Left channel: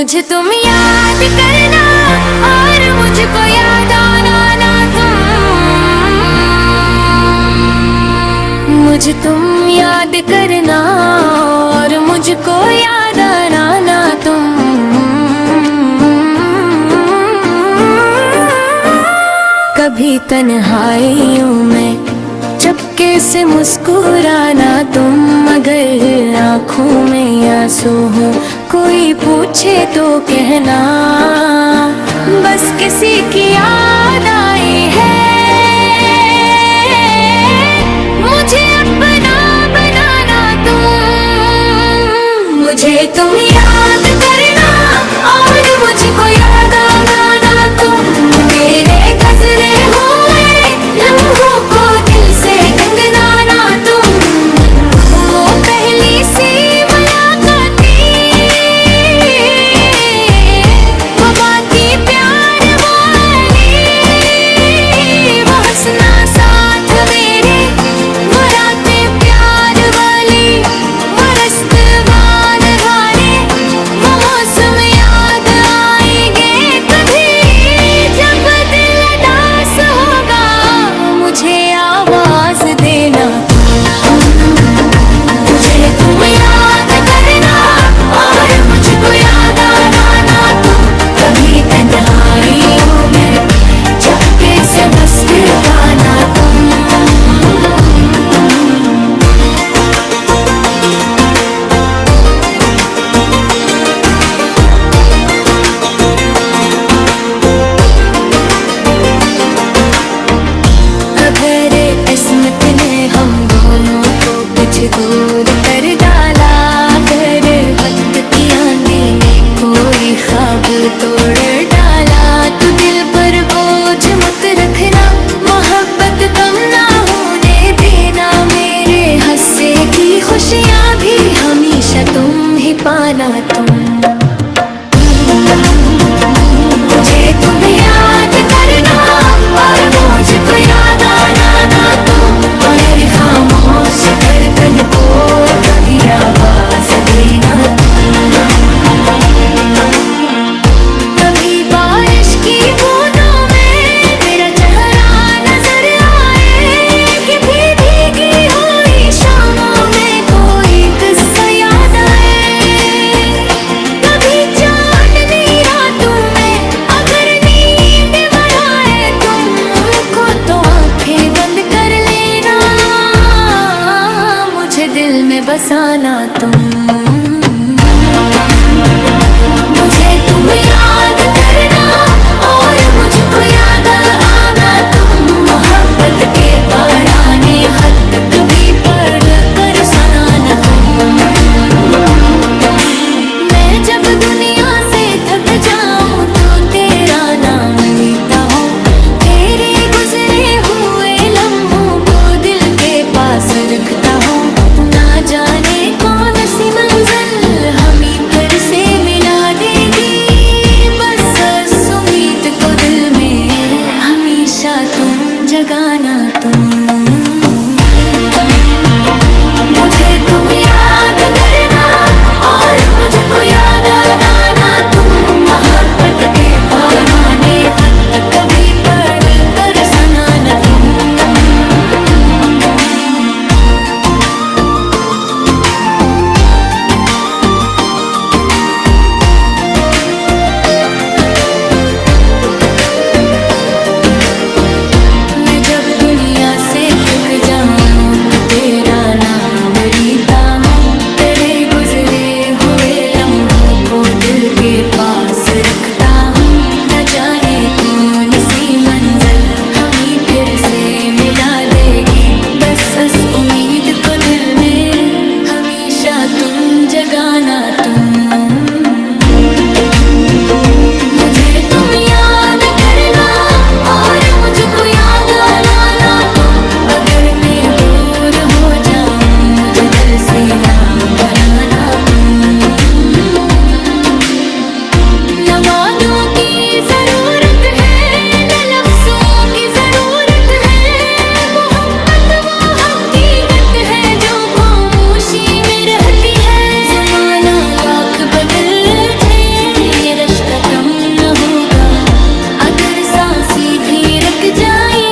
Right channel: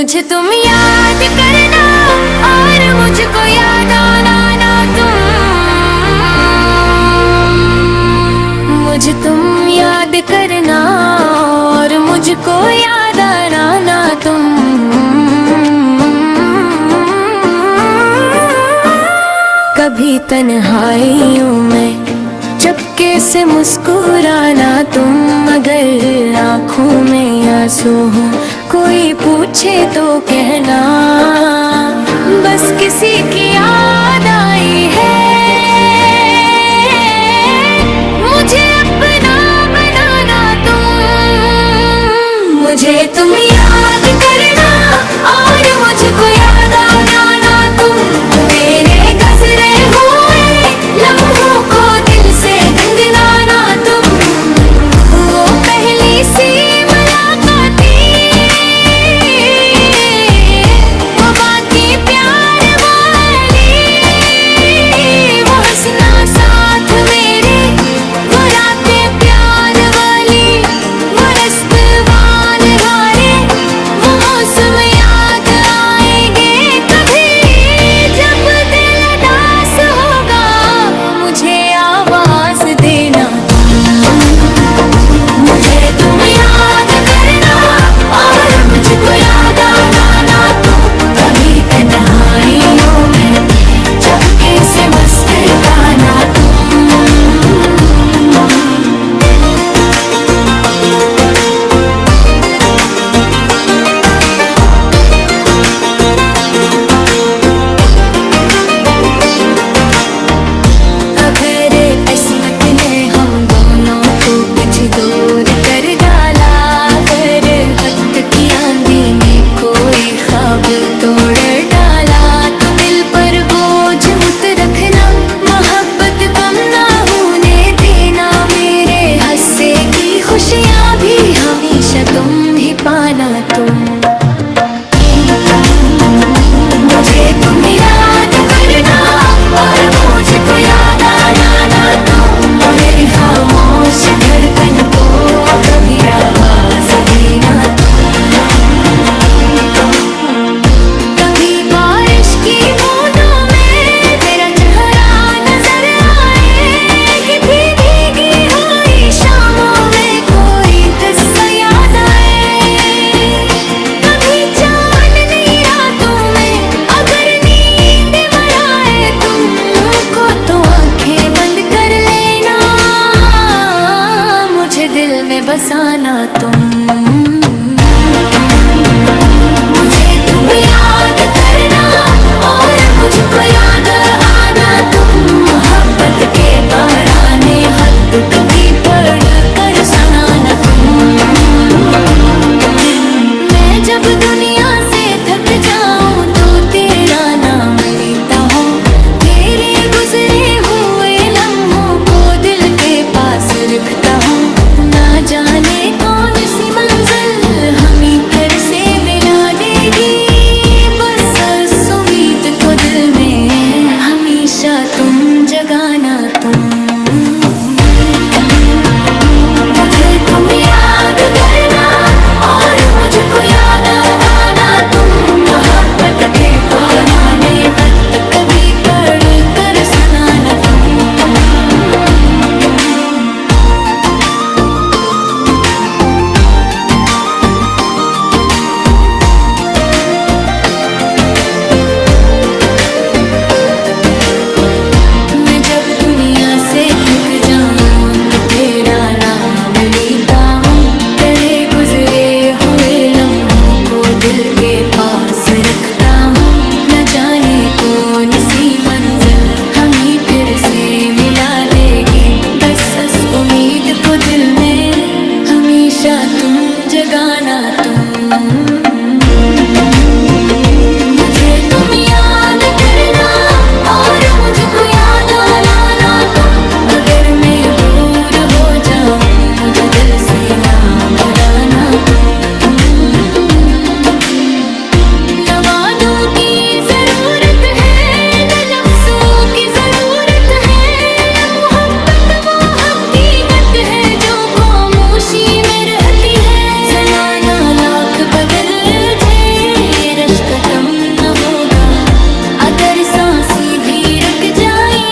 मुझे तुम याद करना और मुझको याद आना ना तुम। मुझे तुम याद करना और मुझको याद आना ना तुम। कभी तन्हाइयों में चुपके से मुस्कुराना तुम। अगर आँखों में आंसू हो कोई पूछे तो कहना, बस किसी की याद आई है। मुझे अपना बनाना तुम। मुझे तुम याद करना और मुझको याद आना ना तुम। मेरे गुज़रे हुए लम्हों को दिल से गिनना ना तुम। वो पहली सी मुलाकात थी, वो बातें प्यार वाली, वो हंसना साथ मेरे, वो रातें प्यार वाली, वो रास्ते वाले, वो मौसम याद आएंगे कभी जब दिल उदास होगा। मुझे आवाज देना तुम। मुझे तुम याद करना और मुझको याद आना ना तुम। कभी तन्हाइयों में चुपके से मुस्कुराना तुम। अगर किस्मत ने हम दोनों को कुछ दूर कर डाला, अगर वक्त की आंधी ने कोई ख्वाब तोड़ डाला, तो दिल पर बोझ मत रखना, मोहब्बत कम ना होने देना। मेरे हंसे की खुशियाँ भी हमेशा तुम ही पाना तुम। मुझे तुम याद करना और मुझको याद आना ना तुम। मेरी खामोश धड़कन को कभी आवाज देना तुम। कभी बारिश की बूंदों में मेरा चेहरा नजर आए, कि भीगी हुई शामों में कोई किस्सा याद आए। कभी चांदनी रातों में अगर नींद मराए तुमको, तो आंखें बंद कर लेना, मुझे दिल में बसाना तुम। मुझे तुम याद करना और मुझको याद आना तुम। मोहब्बत के पुराने खत कभी पढ़ कर सुनाना तुम। मैं जब दुनिया से थक जाऊं तो तेरा नाम लेता हूँ। तेरे गुजरे हुए लम्हों को दिल के पास रखता हूँ। ना जाने कौन सी मंजिल हमें फिर से मिला देगी, बस इस उम्मीद को दिल में हमेशा तुम जगाना तुम। मुझे तुम याद करना और मुझको याद आना तुम। मोहब्बत के पुराने खत कभी पढ़ कर सुनाना तुम। मैं जब दुनिया से थक जाऊं तो तेरा नाम लेता हूँ। तेरे गुजरे हुए लम्हों को दिल के पास रखता हूँ। न जाने कौन सी मंजिल हमें फिर से मिला देगी, बस इस उम्मीद को दिल में हमेशा तुम जगाना तुम। मुझे तुम याद करना और मुझको याद आना तुम। अगर मैं दूर हो जाऊं मुझे दिल से ना भुलाना तुम। न वादों की जरूरत है न लफ्जों की जरूरत है। मोहब्बत वो हकीकत है जो खामोशी में रहती है। ज़माना लाख बदल कम न होगा। अगर सांसें भी रुक जाए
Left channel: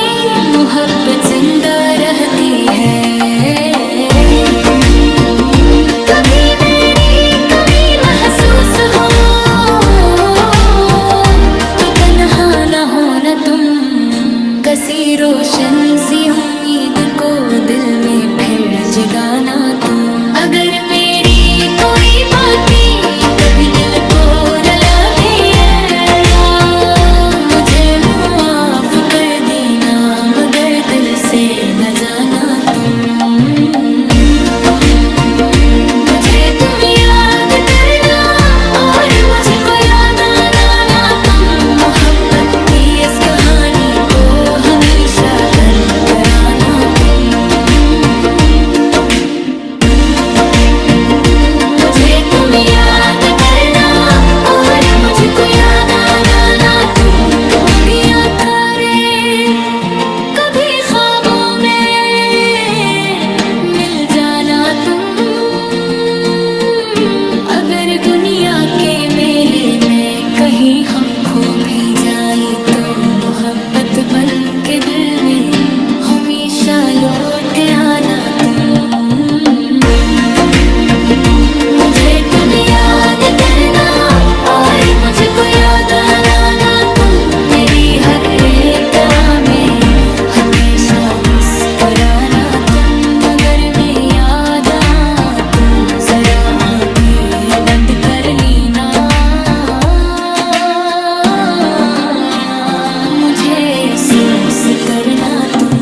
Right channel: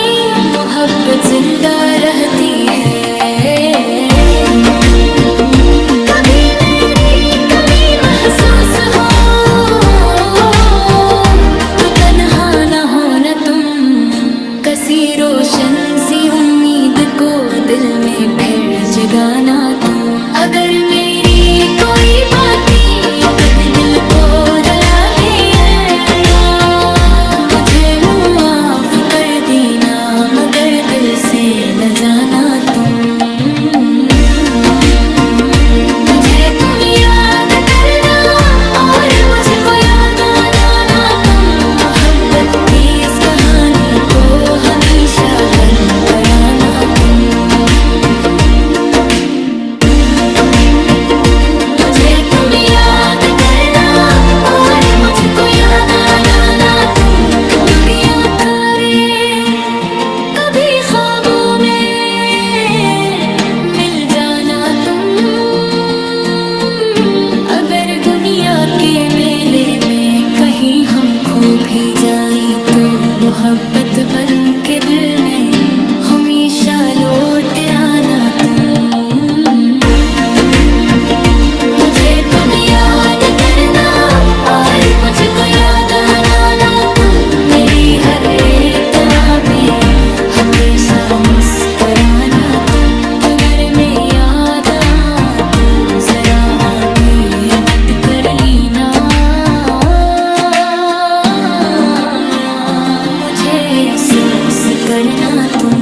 मोहब्बत जिंदा रहती है। कभी मेरी कमी महसूस हो तो तन्हा न हो न तुम। कसी रोशन सी उम्मीद को दिल में फिर जगाना तुम। अगर मेरी कोई बातें कभी दिल को रुला दे तो मुझे माफ कर देना, मगर दिल से न जाना तुम। मुझे तुम याद करना और मुझको याद आना ना तुम। मोहब्बत की इस कहानी को हमेशा गन कराना तुम। मुझे तुम याद करना और मुझको याद आना ना तुम। लुगिया करे कभी ख्वाबों में मिल जाना तुम। अगर दुनिया के मेले में कहीं हम खो भी जाए तो मोहब्बत बन के दिल में हमेशा लौट आना तुम। मुझे तुम याद करना और मुझको याद आना ना तुम। मेरी हर एक दुआ में हमेशा मुस्कुराना तुम। अगर मैं याद आ तो जरा आँखें बंद कर लेना। मुझे महसूस करना तुम।